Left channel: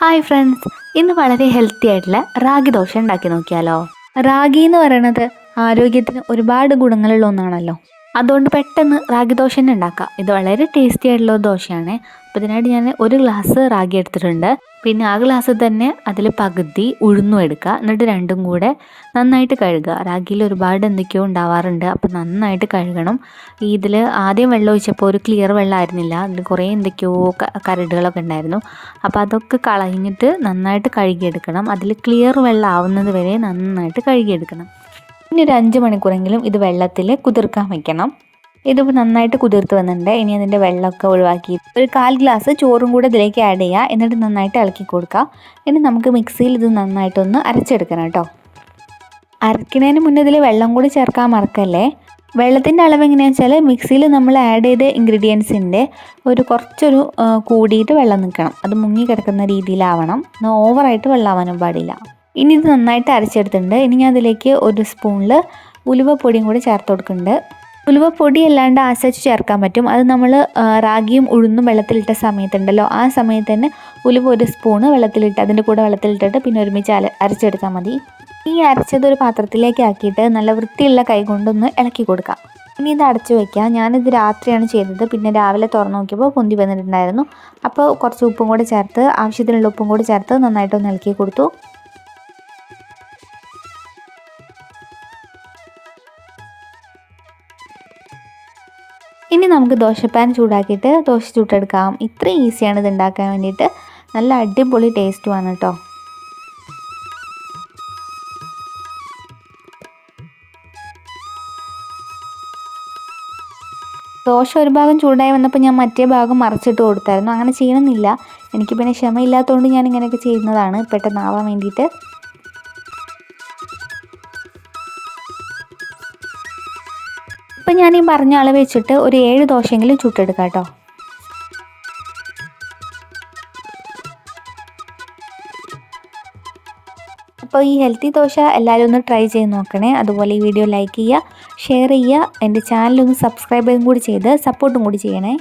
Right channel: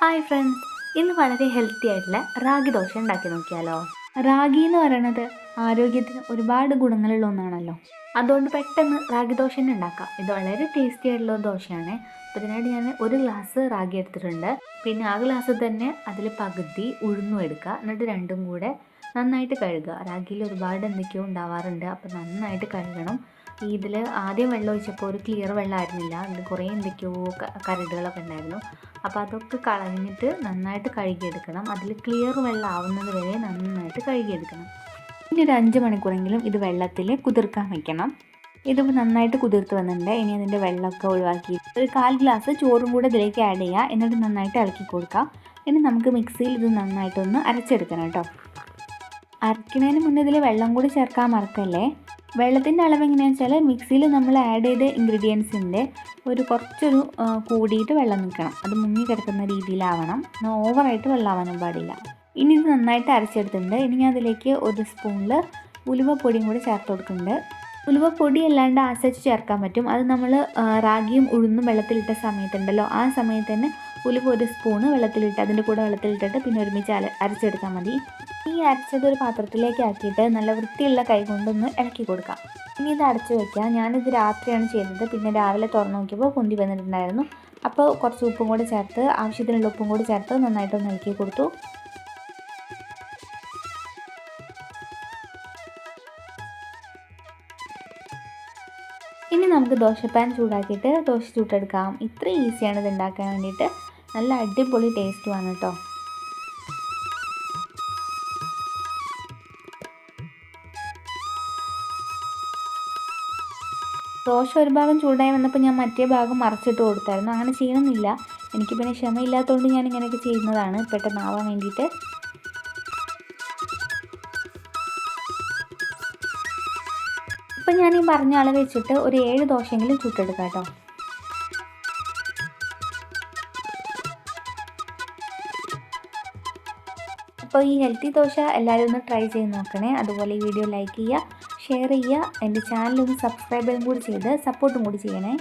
Hi friends, ഇന്ന് വളരെ healthy ആയിട്ടുള്ള റാഗി ദോശ ഉണ്ടാക്കി നോക്കിയാലോ. റാഗി എന്ന് പറയുന്നത് ആരോഗ്യത്തിന് ഒരുപാട് ഗുണങ്ങളുള്ള ഒന്നാണല്ലോ. അതുകൊണ്ട് പെട്ടെന്ന് റാഗി ദോശ തന്നെ ഉണ്ടാക്കാം. ഇത് വളരെ ടേസ്റ്റി ആയിട്ടുള്ള ഒരു ദോശയാണ്. അപ്പോൾ ഇതിനായിട്ട് ഞാൻ ഒരു ഗ്ലാസ് റാഗി എടുത്തിട്ടുണ്ട്. പിന്നെ ആ ഗ്ലാസ് തന്നെ അതിൽ പകുതി ഉഴുന്നും എടുക്കുക. എന്നിട്ട് രണ്ടും കൂടെ നന്നായിട്ട് കഴുകുക. റാഗിയിൽ ഒരുപാട് എന്തൊക്കെയോ ഉണ്ടാവാറുണ്ട്, അപ്പോൾ നന്നായിട്ട് കഴുകണം. ഇതിൽ ആദ്യം വെള്ളം ഒഴിച്ചപ്പോൾ ഒരു ക്ലിയർ വെള്ളമായിരുന്നില്ല, അതിൽ കുറേ എന്തൊക്കെയോ കരടുകളൊക്കെ ഉണ്ടായിരുന്നു. അപ്പോൾ അതൊക്കെ കളഞ്ഞിട്ട് നന്നായിട്ട് കഴുകിയെടുക്കണം. അതിൽ ക്ലിയർ വെള്ളം ആവുന്നത് വരെ നന്നായിട്ട് കഴുകിയെടുക്കണം. ഇനി ഒരു 5 മണിക്കൂറെങ്കിലും ഇത് വെള്ളത്തിൽ കുതിർക്കാൻ വെക്കണം. ഇതിപ്പോൾ നന്നായിട്ട് കുതിർത്ത് വന്നിട്ടുണ്ട്. ഇനി അതിൻ്റെ വെള്ളമൊക്കെ ഒഴിവാക്കി ഒരു 1/4 ഗ്ലാസ് ചോറും കൂടെ ഇതിലേക്ക് ആഡ് ചെയ്യുക. എന്നിട്ട് നന്നായിട്ട് ഇളക്കി കൊടുക്കുക. ഇനി നമുക്ക് മിക്സിയിൽ ഇത് നന്നായിട്ടൊന്ന് അരച്ചെടുക്കണം കേട്ടോ. അരയ്ക്കുന്നതിന് മുന്നേ ഇതിൽ വെള്ളം കൂടി ചേർക്കാൻ മറക്കല്ലേ. വെള്ളത്തിൻ്റെ അളവ് എങ്ങനെയാണെന്ന് വെച്ചാൽ മിക്സിയിൽ നമ്മൾ ആഡ് ചെയ്ത ഇൻഗ്രീഡിയൻസിൻ്റെ കുറച്ചൊരു കൂടിയിട്ട് വെള്ളം നിൽക്കണം. അത് മുങ്ങി കിടക്കുന്ന രീതിയിലാവണം. ഓവറായിട്ട് വെള്ളമാവാനും പാടില്ല. ഇനി ഇത് നന്നായിട്ട് അരച്ചെടുത്തിട്ടുണ്ട്. ഇനി ഞാൻ അതിലേക്ക് ഒരു സ്പൂണിൽ ഉലുവപ്പൊടിയും കൂടി ചേർത്ത് കൊടുക്കുന്നുണ്ട്. ഉലുവപ്പൊടി അല്ലാണ്ട് ആശിച്ച് ചേർക്കാൻ പറ്റും. അത് നമ്മൾ റാഗിയും ഉഴുന്നും വെള്ളത്തിലിട്ട സമയത്തുണ്ടല്ലോ, ആ സമയത്ത് തന്നെ ഉലുവ ഒരു സ്പൂണ് വെള്ളത്തിലിട്ട് അതിൻ്റെ കൂടെ വെള്ളത്തിലിട്ടിട്ട് പിന്നെ ഒരുമിച്ച് അരച്ചെടുത്താൽ മതി. ഈ അരച്ചത് ഒരു പാത്രത്തിലേക്ക് ആക്കിയിട്ട് നല്ല വൃത്തിയുള്ള കൈ കൊണ്ടൊന്ന് ഇളക്കി കൊടുക്കാം. ഇനി ഇത് അടച്ചു വയ്ക്കുക. ഞാനിത് രാത്രിയാണ് ചെയ്തത്. പിന്നെ രാവിലെ തുറന്നു നോക്കിയപ്പോൾ പൊന്തി വന്നിട്ടുണ്ടായിരുന്നു. അപ്പോൾ കുറച്ച് ഉപ്പും കൂടി ചേർത്ത്, ആവശ്യത്തിനുള്ള ഉപ്പും കൂടി ചേർത്ത് നന്നായിട്ടൊന്ന് ഇളക്കി കൊടുത്തു. ഇനി നമുക്ക് ദോശപ്പാൻ ചൂടാക്കിയിട്ട് ദോശ ചുട്ടെടുക്കാം. ഇത്ര ഈസിയാണ് ഇത് ഉണ്ടാക്കാൻ വേണ്ടിയിട്ട്. നല്ല അടിപൊളി ടേസ്റ്റുമാണ് കേട്ടോ. ദോശ ഒരു ഭാഗം ചൂടായി വന്നപ്പോൾ ഞാൻ മറ്റേ ഭാഗം മറിച്ചിട്ട് കൊടുത്തായിരുന്നു. അങ്ങനെ ചെയ്യണമെന്നില്ല, എനിക്ക് പിന്നെ ക്ഷമയില്ലാത്തതുകൊണ്ട് ഞാൻ ഇങ്ങനെയൊക്കെ ചെയ്യുന്നതാണ്, പെട്ടെന്നാവാൻ വേണ്ടിയിട്ട്. ഇപ്പം ഞാൻ ഈ പറഞ്ഞ അളവ് വെച്ചിട്ട് ഒരു 7 ദോശയെങ്കിലും ചുട്ടെടുക്കാം കേട്ടോ. അപ്പോൾ ഈ ഹെൽത്തി ദോശ എല്ലാവരും ഒന്ന് ട്രൈ ചെയ്ത് നോക്കണേ. അതുപോലെ ഈ വീഡിയോ ലൈക്ക് ചെയ്യുക, ഷെയർ ചെയ്യുക, എൻ്റെ ചാനലൊന്ന് സബ്സ്ക്രൈബും കൂടി ചെയ്ത് സപ്പോർട്ടും കൂടി ചെയ്യണേ.